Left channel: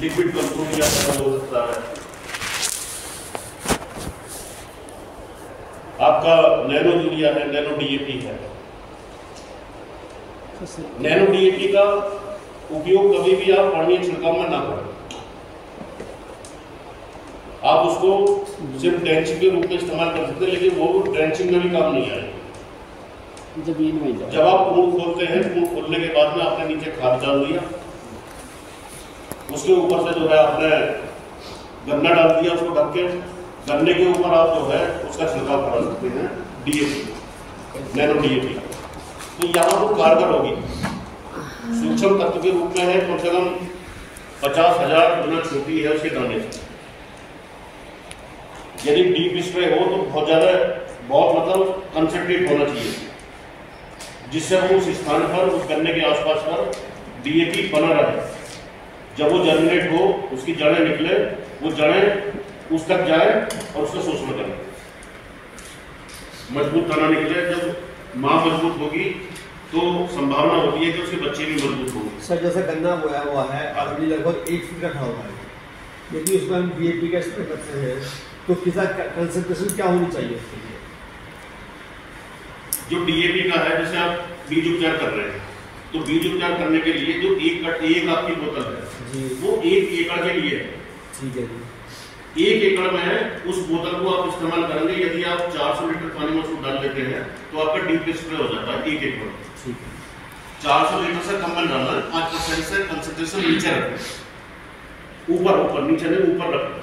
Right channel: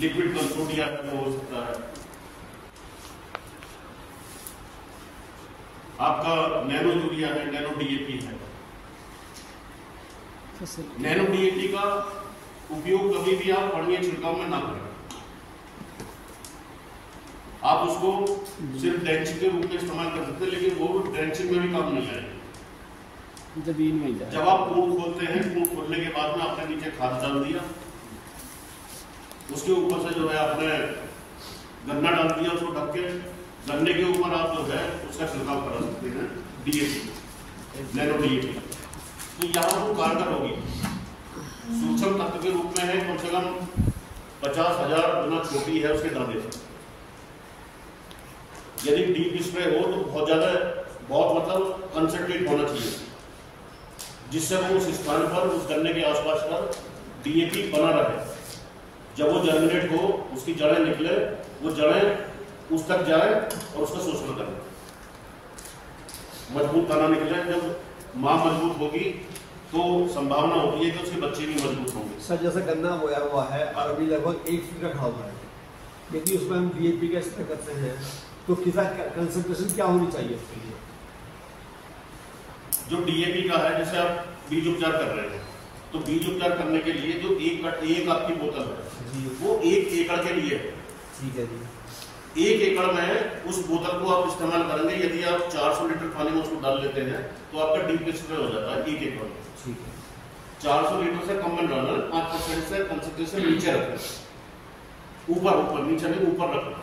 Liquid component या तरल हो सकता है। आपका नैनो यूरिया है, नैनो डीएपी है। नैनो डीएपी का उपयोग कभी भी आप पानी छिड़काव में ना करें। आप उसको सिर्फ ड्रेंचिंग के रूप में इस्तेमाल कर सकते हैं, लेकिन वो ड्रेंचिंग में भी काम नहीं आएगा। जब आप पूर्ण खोलते हैं, पूर्ण खोलने के बाद में आपने नीचे खाद डाल दिया, उसके ऊपर से जो है आपने गन्ना डाल दिया, उसको ढक के गन्ने के ऊपर आप जो है उसका छिड़काव करा सकते हैं डीएपी, नैनो डीएपी। तो यहाँ वो कारगर होगी, सूक्ष्म तत्व के रूप में है, कम से कम 50,000 गुना छोटी है उसके दाने से। यदि डीप स्प्रे हो तो बहुत मतलब कंसंट्रेट होना चाहिए, जिससे वो उस स्थान पर, उस गन्ने के आसपास पर डीएपी बना रहे। जब वो जर्मिनेट हो, उसकी जड़ें निकले, वो जड़ें उस तक जाए और उसका शोषण करें, मजबूत तना निकले। जब माँ मजबूत होगी तो संभावना होती है कि उसके बच्चे भी मजबूत होंगे। सर जैसा गन्ना बोया हुआ है और अभी लगभग 1 फीट का खड़ा हुआ है, यदि उसमें हम डीएपी का स्प्रे करते हैं तो कितना कंसंट्रेशन क्या होनी चाहिए उसके लिए? जो डीएपी का है, जैसे आप बीज उपचार कर रहे हैं, तो बीज उपचार करने के लिए जो एक आपकी बोतल है जी, वो 1 एकड़ के लिए है। ठीक है जी। 1 एकड़ में उस बोतल को आप इस्तेमाल करेंगे। यदि आप 400 लीटर पानी में उसको डाल लेते हैं तो आपका डीप स्प्रे हो जाता है 1 एकड़ में। ठीक है। 400 लीटर से कम में डालना है, 5% से कंसंट्रेशन नीचे रखें, ऊपर नीचे नहीं, ऊपर रखें।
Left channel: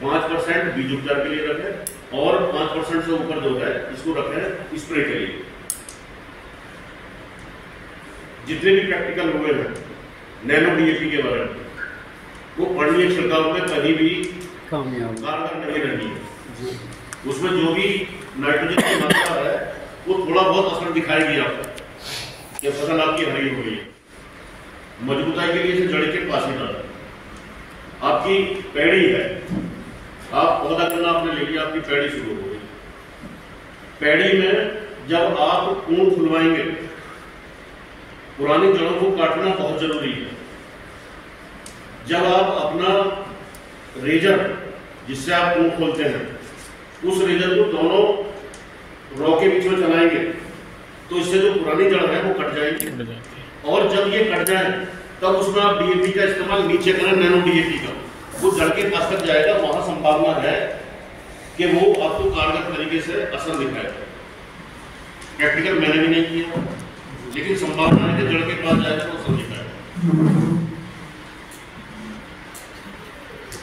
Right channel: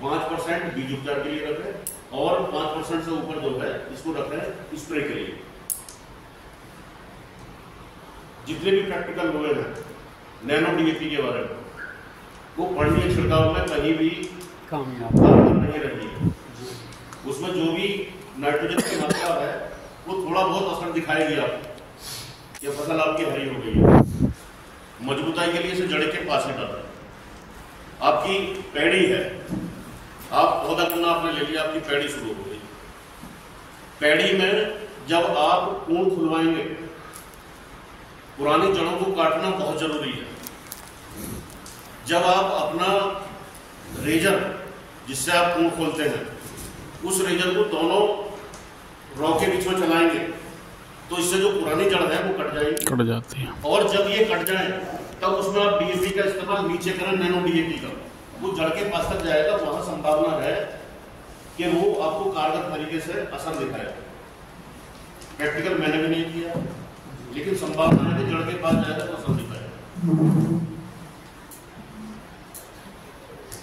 5% बीज उपचार के लिए रखें और 5% से ऊपर जो है इसको रखें स्प्रे के लिए। जितने भी प्रैक्टिकल हुए हैं नैनो डीएपी के बारे में, वो पढ़नीय छिड़काव में कहीं भी कामयाब नहीं रही। उसमें जो भी नाइट्रोजन की मात्रा है वो थोड़ा बहुत असर दिखाएगी आपको कि फसल आपकी हरी हो गई है। मजबूताई के लिए इसे जड़ के पास में डालें। आपकी पैड़ी है, आप पौधा करना आपने ले लिया, आपकी पैड़ी शुरू हो गई। पैड़ी में जब आप पूर्ण खुलवाएंगे, पुरानी जड़ों को काटना बहुत जरूरी है। जब आप अपना रेजर जिससे आप पूर्ण खोलते हैं, उस रेजर को दोनों रॉ के बीच में चलाएंगे तो इससे जो पुरानी जड़ है वो कट जाती है। और जब ये कट जाए तब उसमें आप डीएपी का इस्तेमाल नीचे करें, नैनो डीएपी का, वो जड़ के पास तक जाएगा। वहां संभावना है कि वो आपको कारगर तरीके से असर दिखाएगा। प्रैक्टिकल मैंने भी नहीं किया, लेकिन संभावना है कि जड़ के पास जाएगा तो असर दिखाएगा।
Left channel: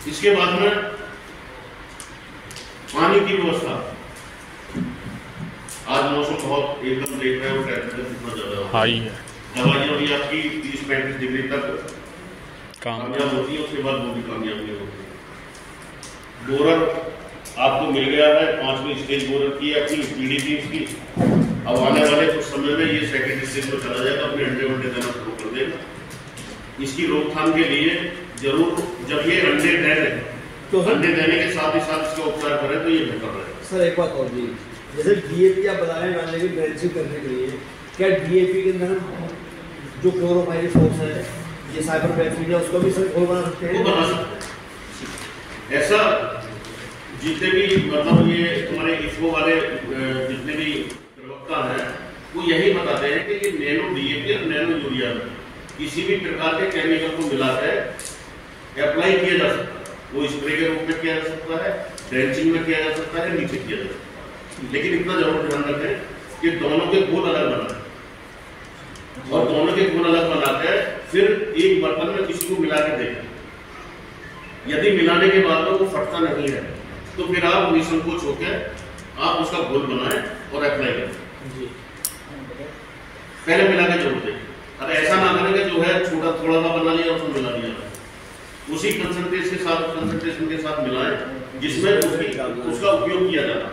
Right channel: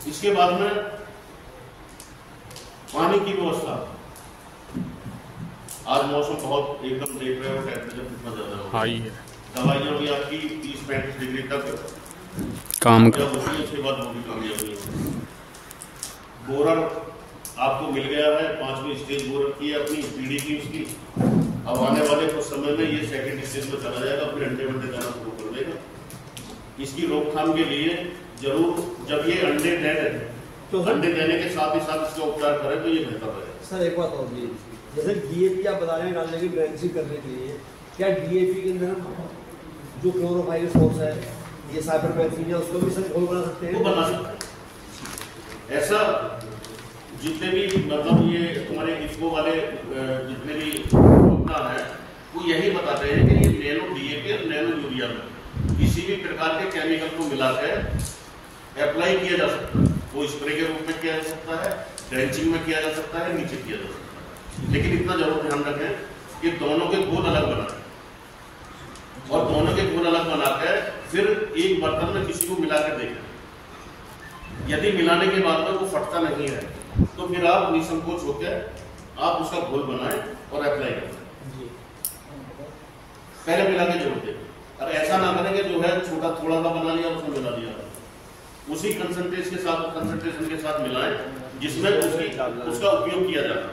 इसके बाद में पानी की व्यवस्था। आज मौसम बहुत एकदम देख रहे हो, टेम्परेचर कितना ज्यादा हाई है। दवाइयाँ भी आपकी 30-35 डिग्री तक काम होती है, उसके बाद वो भी कामयाब नहीं होती। बोरर आपको मिल गया है, 5वीं स्टेज बोरर की अपनी पीडीपी की। अब आने वाले कुछ समय में ये सेकेंड स्टेज पर चला जाएगा, फिर अंडे देना शुरू कर देगा। इसकी रोकथाम के लिए जरूर जब ये अंडे दे तो अंडे देने के साथ ही साथ इसका उपचार करें तो ये बेहतर रहेगा। सर एक बात और जी, जैसे डीएपी आप बता रहे हैं डालने की ड्रेंचिंग करने के लिए, क्या डीएपी के अंदर जो क्लोरोफाइरिक फोर्स है, ये साइपरमेथ्रिन है, उसको भी सर घोल बना सकते हैं? बना सकते हैं। ऐसा जितने भी मतलब ये तुम्हारे इसको वाले जितने भी उपभोक्ता हैं वो यही बताते हैं कि ये नैनो डीएपी और नैनो यूरिया में किसी भी प्रकार के केमिकल को मिलाकर अप्लाई किया जा सकता है। वो स्प्रे के रूप में किया जा सकता है, ड्रेंचिंग में किया जा सकता है, नीचे किया जा सकता है। लेकिन इतना जरूर ध्यान रखें कि दोनों के गुण अलग बनाए और दोनों के गुण अलग बनाकर फिर एक बर्तन में किसी को मिला के देखें। यदि मिलाने के बाद में वो फटता नहीं है तो फिर आप निसंकोच होकर आप उसका घोल बनाएं और अप्लाई करें। पहले मिला के जरूर देखें। अब ऐसा ना करें कि जो है छोटा थोड़ा सा बना लिया उसको मिला दिया, उसी कंसंट्रेशन के साथ मिलाएं जिसमें उसका उपयोग किया जाना।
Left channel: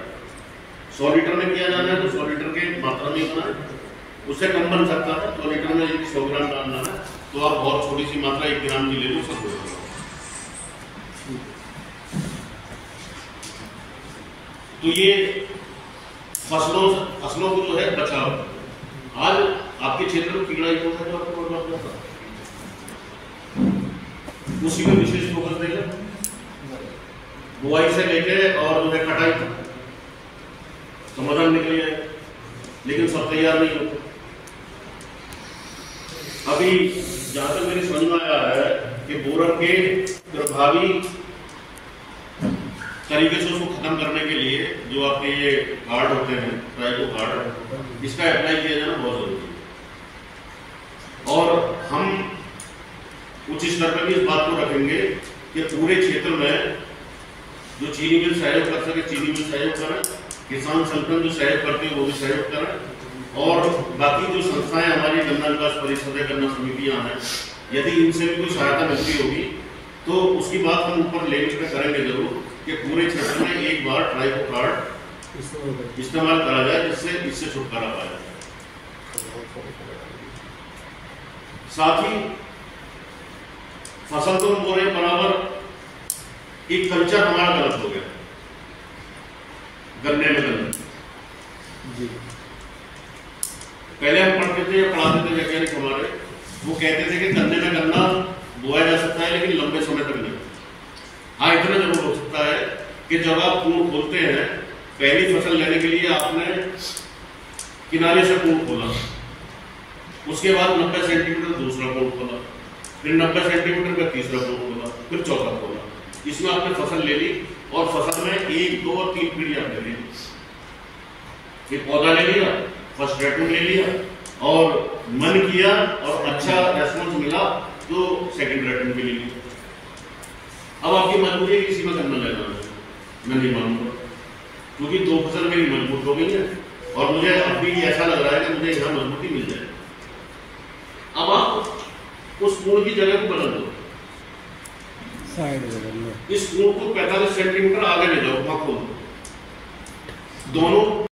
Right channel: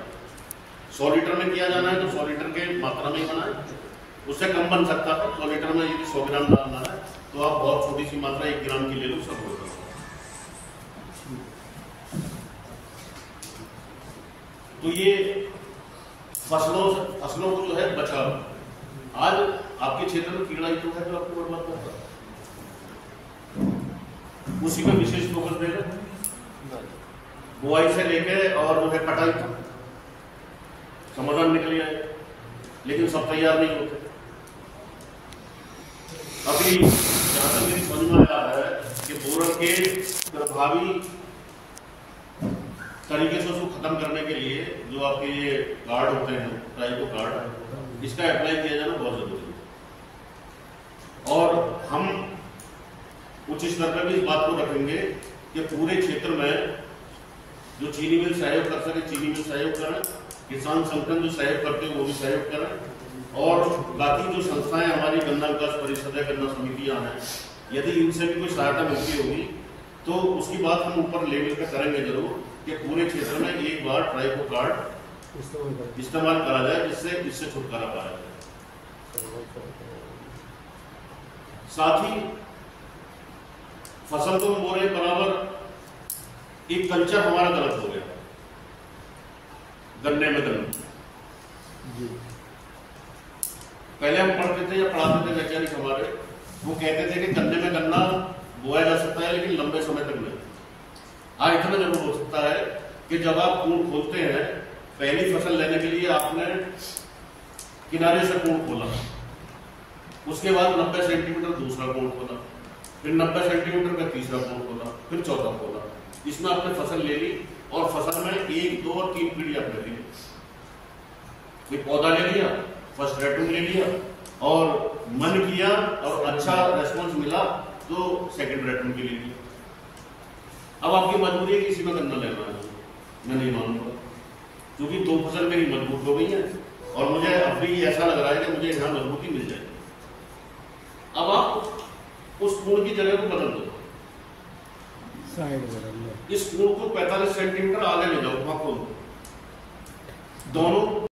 100 लीटर में किया जाना है तो 100 लीटर के मात्रा में बनाएं, उससे कम बन सकता है। 100 लीटर में यदि 100 ग्राम डालना है तो आप बहुत छोटी सी मात्रा 1 ग्राम की ले लो, सब हो जाएगा। तो ये फसलों को जो है बचाव। आज आपके क्षेत्र में कीड़ा ही तो है जो आपको उसी पे विशेष फोकस देगा, बुआई से लेके और जो है कटाई तक समाधान निकल जाएगा, लेकिन सब तैयार नहीं होते। अभी जहां तक मेरी समझ में आया है कि बोरन के प्रभावी तरीके से उसको खत्म करने के लिए जो आपके ये कार्ड होते हैं, ट्राइको कार्ड, इसका अप्लाई किया जाना बहुत जरूरी है। और हम उच्च स्तर पर भी इस बात को रखेंगे कि पूरे क्षेत्र में जो चीनी मिल सहयोग कर सके चीनी मिल सहयोग करें, किसान संगठन जो सहयोग करते हैं वो भी सहयोग करें, और बाकी जो संस्थाएं हमारी गन्ना विकास परिषद है, गन्ना समितियां हैं, यदि इनसे भी कोई सहायता मिलती होगी तो उसकी बात हम ऊपर लेवल पे करेंगे जरूर कि पूरे क्षेत्र में एक बार ट्राइको कार्ड इस्तेमाल करा जाए, जिससे इससे छुटकारा पाए। साथ ही फसल तो हम बोल रहे बराबर, एक कल्चर हमारा गलत हो गया गन्ने में गन्ने। पहले हम पढ़ते थे या पढ़ाते थे वैज्ञानिक हमारे, वो कहते थे कि गन्ने में गन्ना बोया जा सकता है लेकिन लंबे समय तक नहीं। हाँ, इतना जरूर हो सकता है कि जब आप पूर्ण खोलते हैं, पहली फसल लेने के लिए आपने किनारे से पूर्ण खोला, उसके बाद 90 सेंटीमीटर दूसरा पूर्ण खोला, फिर 90 सेंटीमीटर का तीसरा पूर्ण खोला, फिर चौथा खोला। इसमें आपने फसल ले ली और फसल में 1, 2 और 3 पीढ़ी आपने ले ली। एक पौधा ले लिया, फर्स्ट रेटून ले लिया और मन किया और अच्छा रेस्पॉन्स मिला तो सेकंड रेटून भी ले लिया। अब आपकी मजबूरी है कि इसी में गन्ना लेना है, मैं नहीं मानूंगा, क्योंकि 2 फसल मेरी मजबूत हो गई है और मुझे अब भी ऐसा लग रहा है कि मुझे यहाँ मजबूती मिल जाए। अब आप उस पूर्ण की जगह को बदल दो, इस पूर्ण को 45 सेंटीमीटर आगे ले जाओ, दोनों